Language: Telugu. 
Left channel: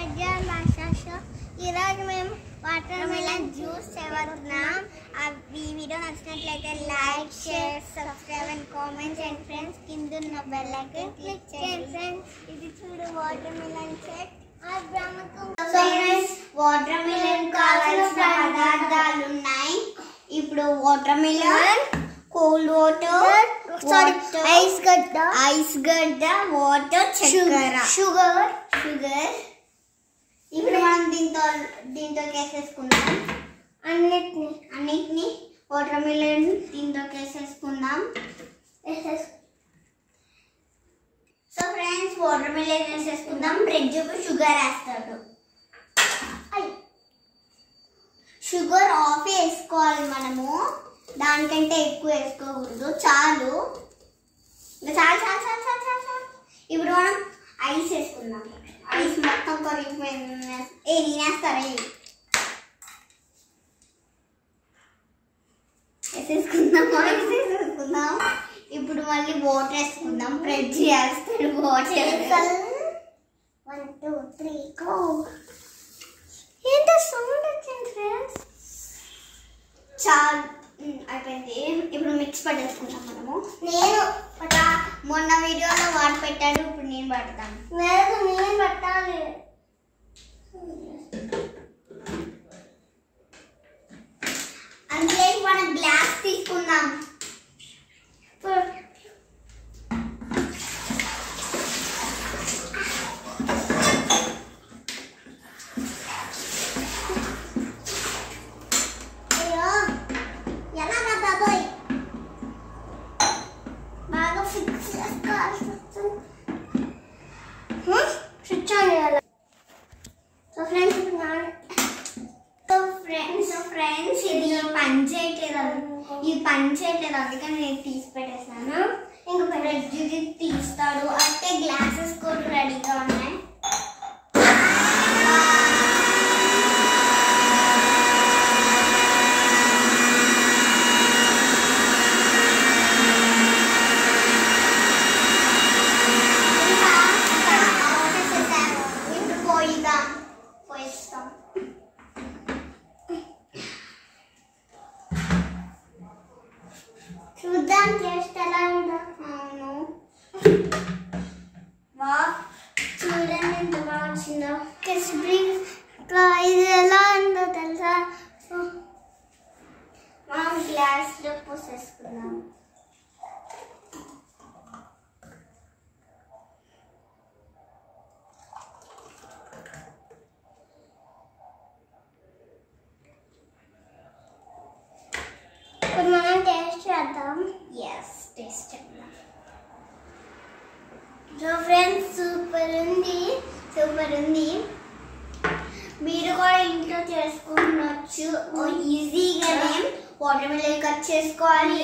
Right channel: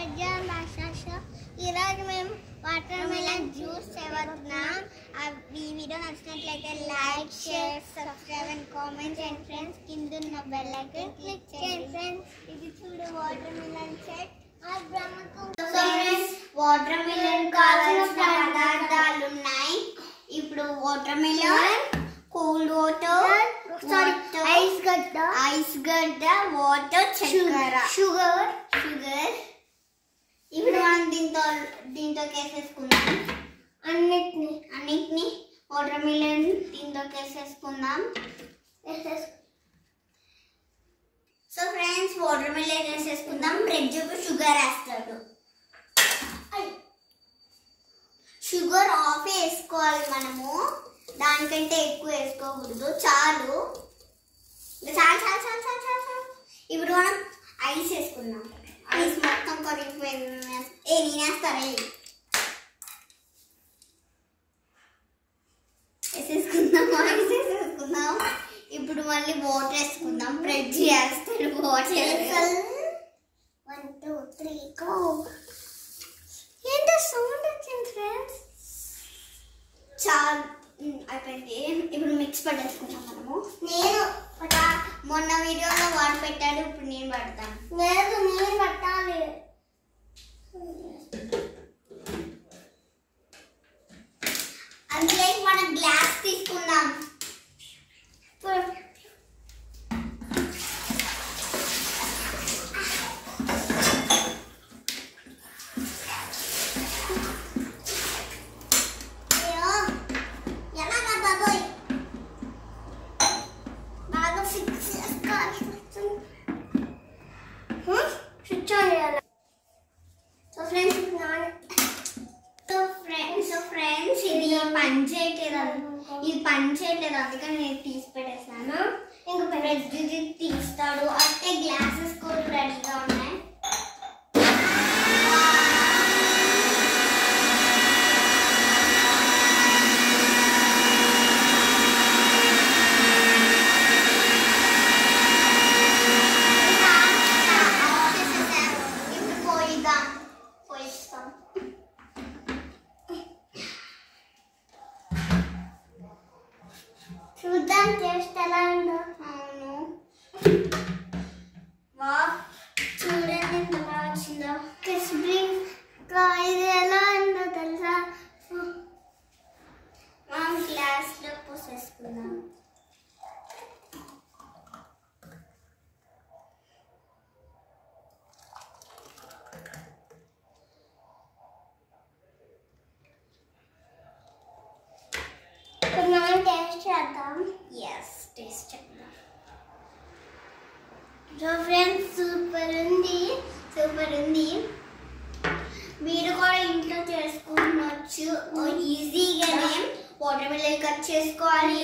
పెద్ద భాష ఈరోజు మేము వాటర్ మిలన్ జ్యూస్ చేస్తున్నాం. ఈ వీడియో నచ్చినట్లయితే like, share, subscribe and comment and friends కింద ఉన్న బెల్ ఐకాన్ క్లిక్ చేయండి. ఫ్రెండ్స్ ఇది చూడు water melon set. Water melon కావాల్సిన పదార్థాలు ఉన్నాయి. ఇప్పుడు water melon, cold water, ice గడ్డ, వాటర్, చక్కెర, షుగర్. ఇప్పుడు మనం దీంతో వేసేసుకుందాం. అన్నిటిని వాటర్ మిలన్ దీంతో వేసేసుకుందాం. సో ఫ్రెండ్స్ వాటర్ మిలన్ వేసేసుకుందాం. రెడ్జుకు షుగర్ వేస్తాడు. షుగర్ ఆఫ్ వేసుకోవాలి మనము, దానికంటే ఎక్కువ వేసుకోకూడదు. చాలు. ఇప్పుడు మనం ఐస్ వేసుకుందాం. ఐస్ మొత్తం కరిగిపోయింది. నేనేస్తారా వేసేసుకుందాం. ఇప్పుడు మళ్ళీ వాటర్ వేసుకుందాం. బ్రెడ్ చేస్తాడు వాటర్. 1 2 3 గో. ఏంటి సౌండ్ వచ్చింది ఫ్రెండ్స్? చాలు అయిపోయింది. ఇప్పుడు మిక్స్ పట్టేసుకుంటాం మనము. నేను మొన్న వీడియోలో వాడు పెట్టాడు, ఇప్పుడు నేను పడతాను. లేదు నేను పట్టాలి. అందులో మనం గ్లాస్ తీసుకుందాం. ఇది పనిచేయట్లేదు, అందుకని నేను తీసి పెట్టేస్తాను. ఇంకా బ్రెడ్ తీస్తాడు. అంటే గ్లాసెస్ కూడా రెడీగా ఉన్నాయి. ఇప్పుడు పోయిస్తాం. చూద్దాం టేస్ట్ ఎలా ఉందో. అవును, చూడండి ఎంత బాగా వచ్చిందో. ఇది ఎలా ఉందో తెలుసా? మనం గ్లాస్లో పోసేసుకుందాం. మనం టేస్ట్ చేద్దాం. టేస్ట్ చేద్దాం. సో ఫ్రెండ్స్ సూపర్ ఉంది. మీరు కూడా ఇంట్లో చేసుకోవచ్చు. ఈజీగానే వాటర్ మిలన్ కట్ చేసుకోవాలి,